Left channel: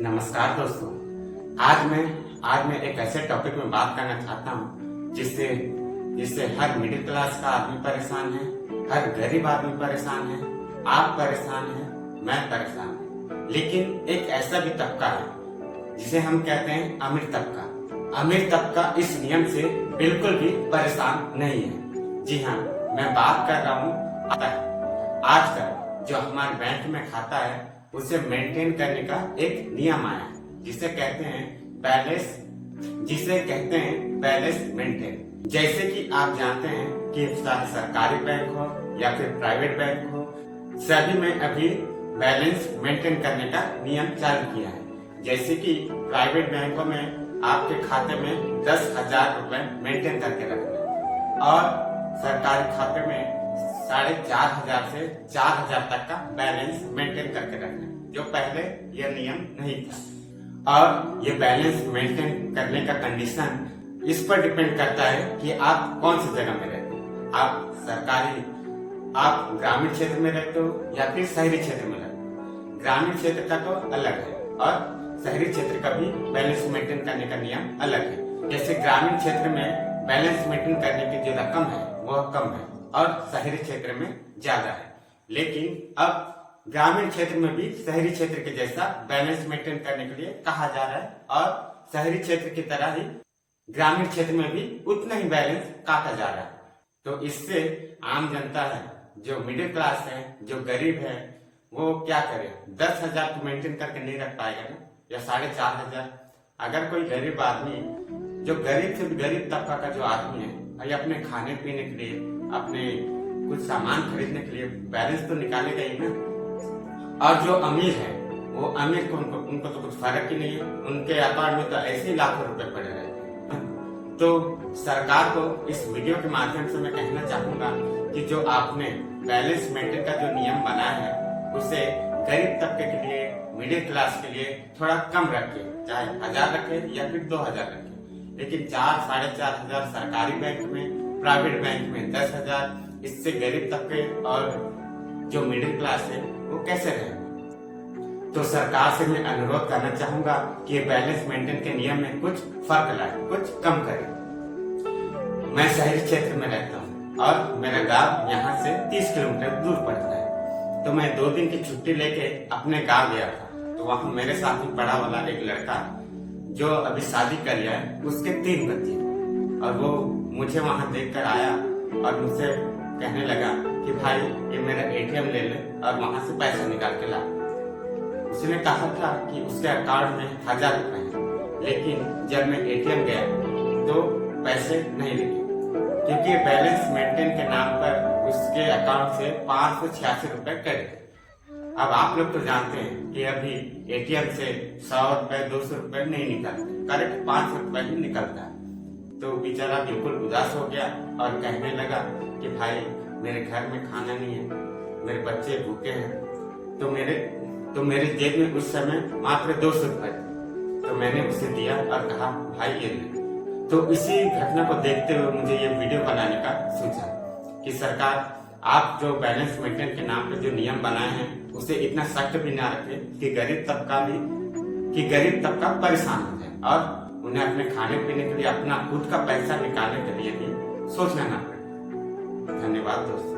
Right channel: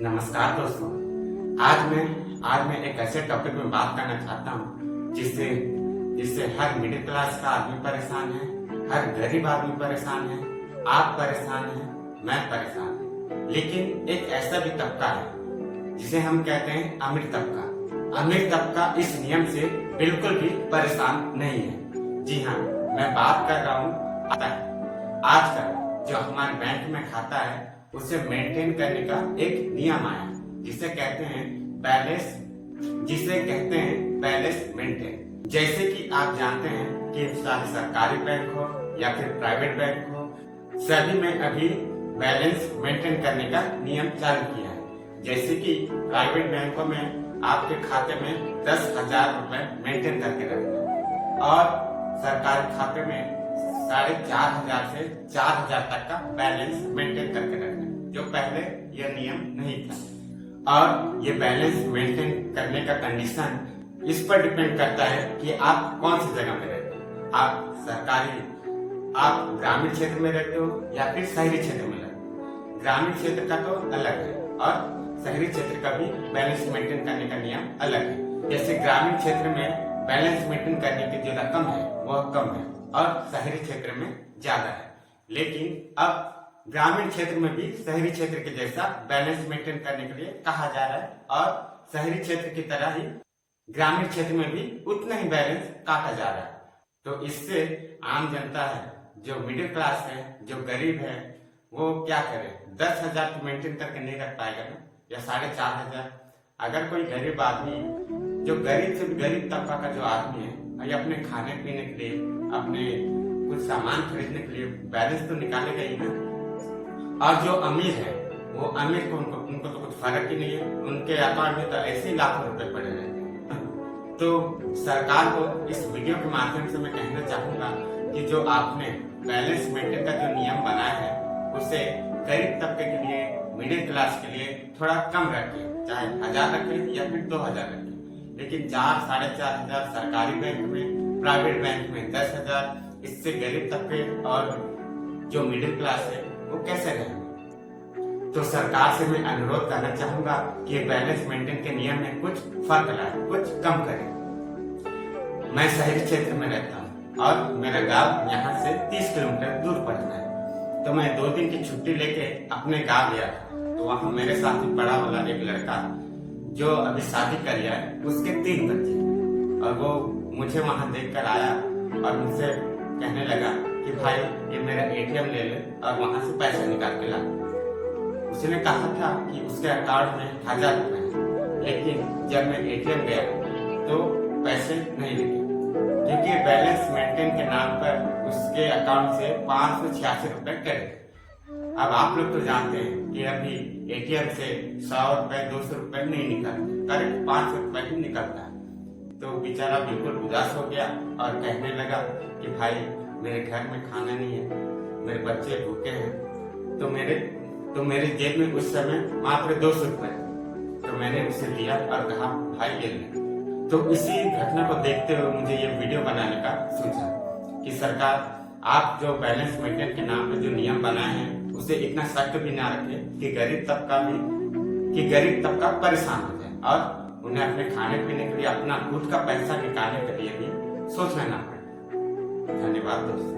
नमस्कार दोस्तों। आज मैं एक ऐसे टॉपिक में बात करना चाहता हूँ जिससे जिससे हर मिडिल क्लास का आदमी परेशान है, हर गरीब आदमी परेशान है, आप परेशान हैं, मैं परेशान हूँ। लेकिन एक ऐसा भी तबका है जिसे हम कहते हैं अमीर तबका। अमीर तबका इस नियम से बिल्कुल भी परेशान नहीं है। जी हाँ, मैं बात कर रहा हूँ आजकल जो हमारे बैंक में खाता है उसे मेंटेन करने का एक नियम आया है जिसे कहते हैं बैलेंस मेंटेन। जैसे कि आप जानते हैं कि चाहे सरकारी बैंक हो या फिर प्राइवेट बैंक हो, सभी में अभी बैलेंस मेंटेन करने का नियम चालू किया है। जैसे कि प्राइवेट बैंकों में आपके खाते में 10,000 रुपए मेंटेन करके रखना और सरकारी खाते में 4,500 से 4,000 तक का बैलेंस मेंटेन करके रखना, जो पहले यह नियम नहीं था। और ये बैलेंस मेंटेन करने का कंडीशन इस पर डिपेंड करता है कि आप कौन सी जगह में रहते हो। आप ग्रामीण क्षेत्र में रहते हो या फिर शहरी क्षेत्र में रहते हो। ग्रामीण क्षेत्र का तो अलग है और शहरी क्षेत्र का भी बैलेंस मेंटेन करने का नियम अलग है। जैसे ग्रामीण क्षेत्र में बैलेंस मेंटेन करने की जो रकम है वह कम है और शहरी क्षेत्र में ज्यादा है। लेकिन अब ग्रामीण क्षेत्र में भी शहरी क्षेत्र के जैसा बैलेंस मेंटेन करने के लिए कहा जा रहा है और शहरी क्षेत्र की तरह ही ग्रामीण क्षेत्र में भी उतना ही बैलेंस काटा जा रहा है। तो इससे आम जनता है, जो मिडिल क्लास है, जो गरीब है, वो क्या करे? 10,000 तो मेंटेन करके नहीं रख पाएगा ना, या 4,500। अगर कोई गरीब आदमी, जो गरीब से भी गरीब तबका का जो आदमी है, भाई अपने खाने पीने के लिए, अपने कुछ सामान खरीदने के लिए बैलेंस तो निकालेगा ही ना। और जो अमीर है वो अमीर को उनको तो कुछ फर्क ही नहीं है, उनके अकाउंट में तो ऐसे ही लाखों रुपए पड़े रहते हैं। तो सरकार को इस वीडियो के माध्यम से मैं कहना चाहूंगा कि जो आपने बैलेंस मेंटेन का जो नियम बनाया है उसे गरीब तबके के लिए, मिडिल क्लास के लिए थोड़ा कम रखें, चाहे 1,000 रखें या फिर 2,000 रखें। लेकिन 4-4,500 सरकारी बैंक में, प्राइवेट बैंक में 10,000, इससे गरीब तबके और जो मिडिल क्लास है वो कैसे रहेंगे? तो सरकार से मैं अनुरोध करना चाहूंगा कि ये बैलेंस मेंटेन के नियम में कुछ फर्क लाए, कुछ कम करे। मैं शहरी क्षेत्र में रहता हूँ और मेरा गांव यहाँ से 30 किलोमीटर दूर पड़ता है। तो मैं 2 दिन की छुट्टी लेके अपने गांव गया था। तो वहाँ मेरे साथ ही पढ़ा वाला एक लड़का जो अभी शादी कर लिया है, उसके 3 बच्चे, और वो मुझे वहाँ देख कर आया और मुझसे कहने लगा कि भाई ये मेरा ATM ले ले और वहां से पैसे निकाल के ला। उसने कहा था कि उसके अकाउंट में 1,000 रुपए हैं, लेकिन जब मैं ATM गया तो पैसे नहीं लिखे, क्योंकि बैलेंस मेंटेन के नाम पर उसके अकाउंट से 586 रुपए कट गए। अब आप लोग तो जानते हैं कि अभी ATM से 100 रुपए 200 रुपए नहीं निकलते, करेक्ट 500 रुपए ही निकलता है। तो बेचारा बिल्कुल उदास हो गया और कहने लगा कि भाई मेरे घर में खाना नहीं है, मेरे बच्चे भूखे हैं। तो मेरे जेब में उस समय मात्र 200 रुपए थे। तो मैंने उसे दिया और कहा भाई ये ले। तो इसी घटना को देखते हुए मुझे ये वीडियो बनाने का सूझा कि सरकार, आप जो बैलेंस मेंटेन के नाम पर जो नियम बनाए हैं उसे इतना सख्त भी ना रखे कि गरीब तबका परेशान हो जाए और उन्हें अपने खाने पीने के लिए, अपना खुद का पैसा निकालने के लिए भी सोचना ना पड़े। धन्यवाद दोस्तों।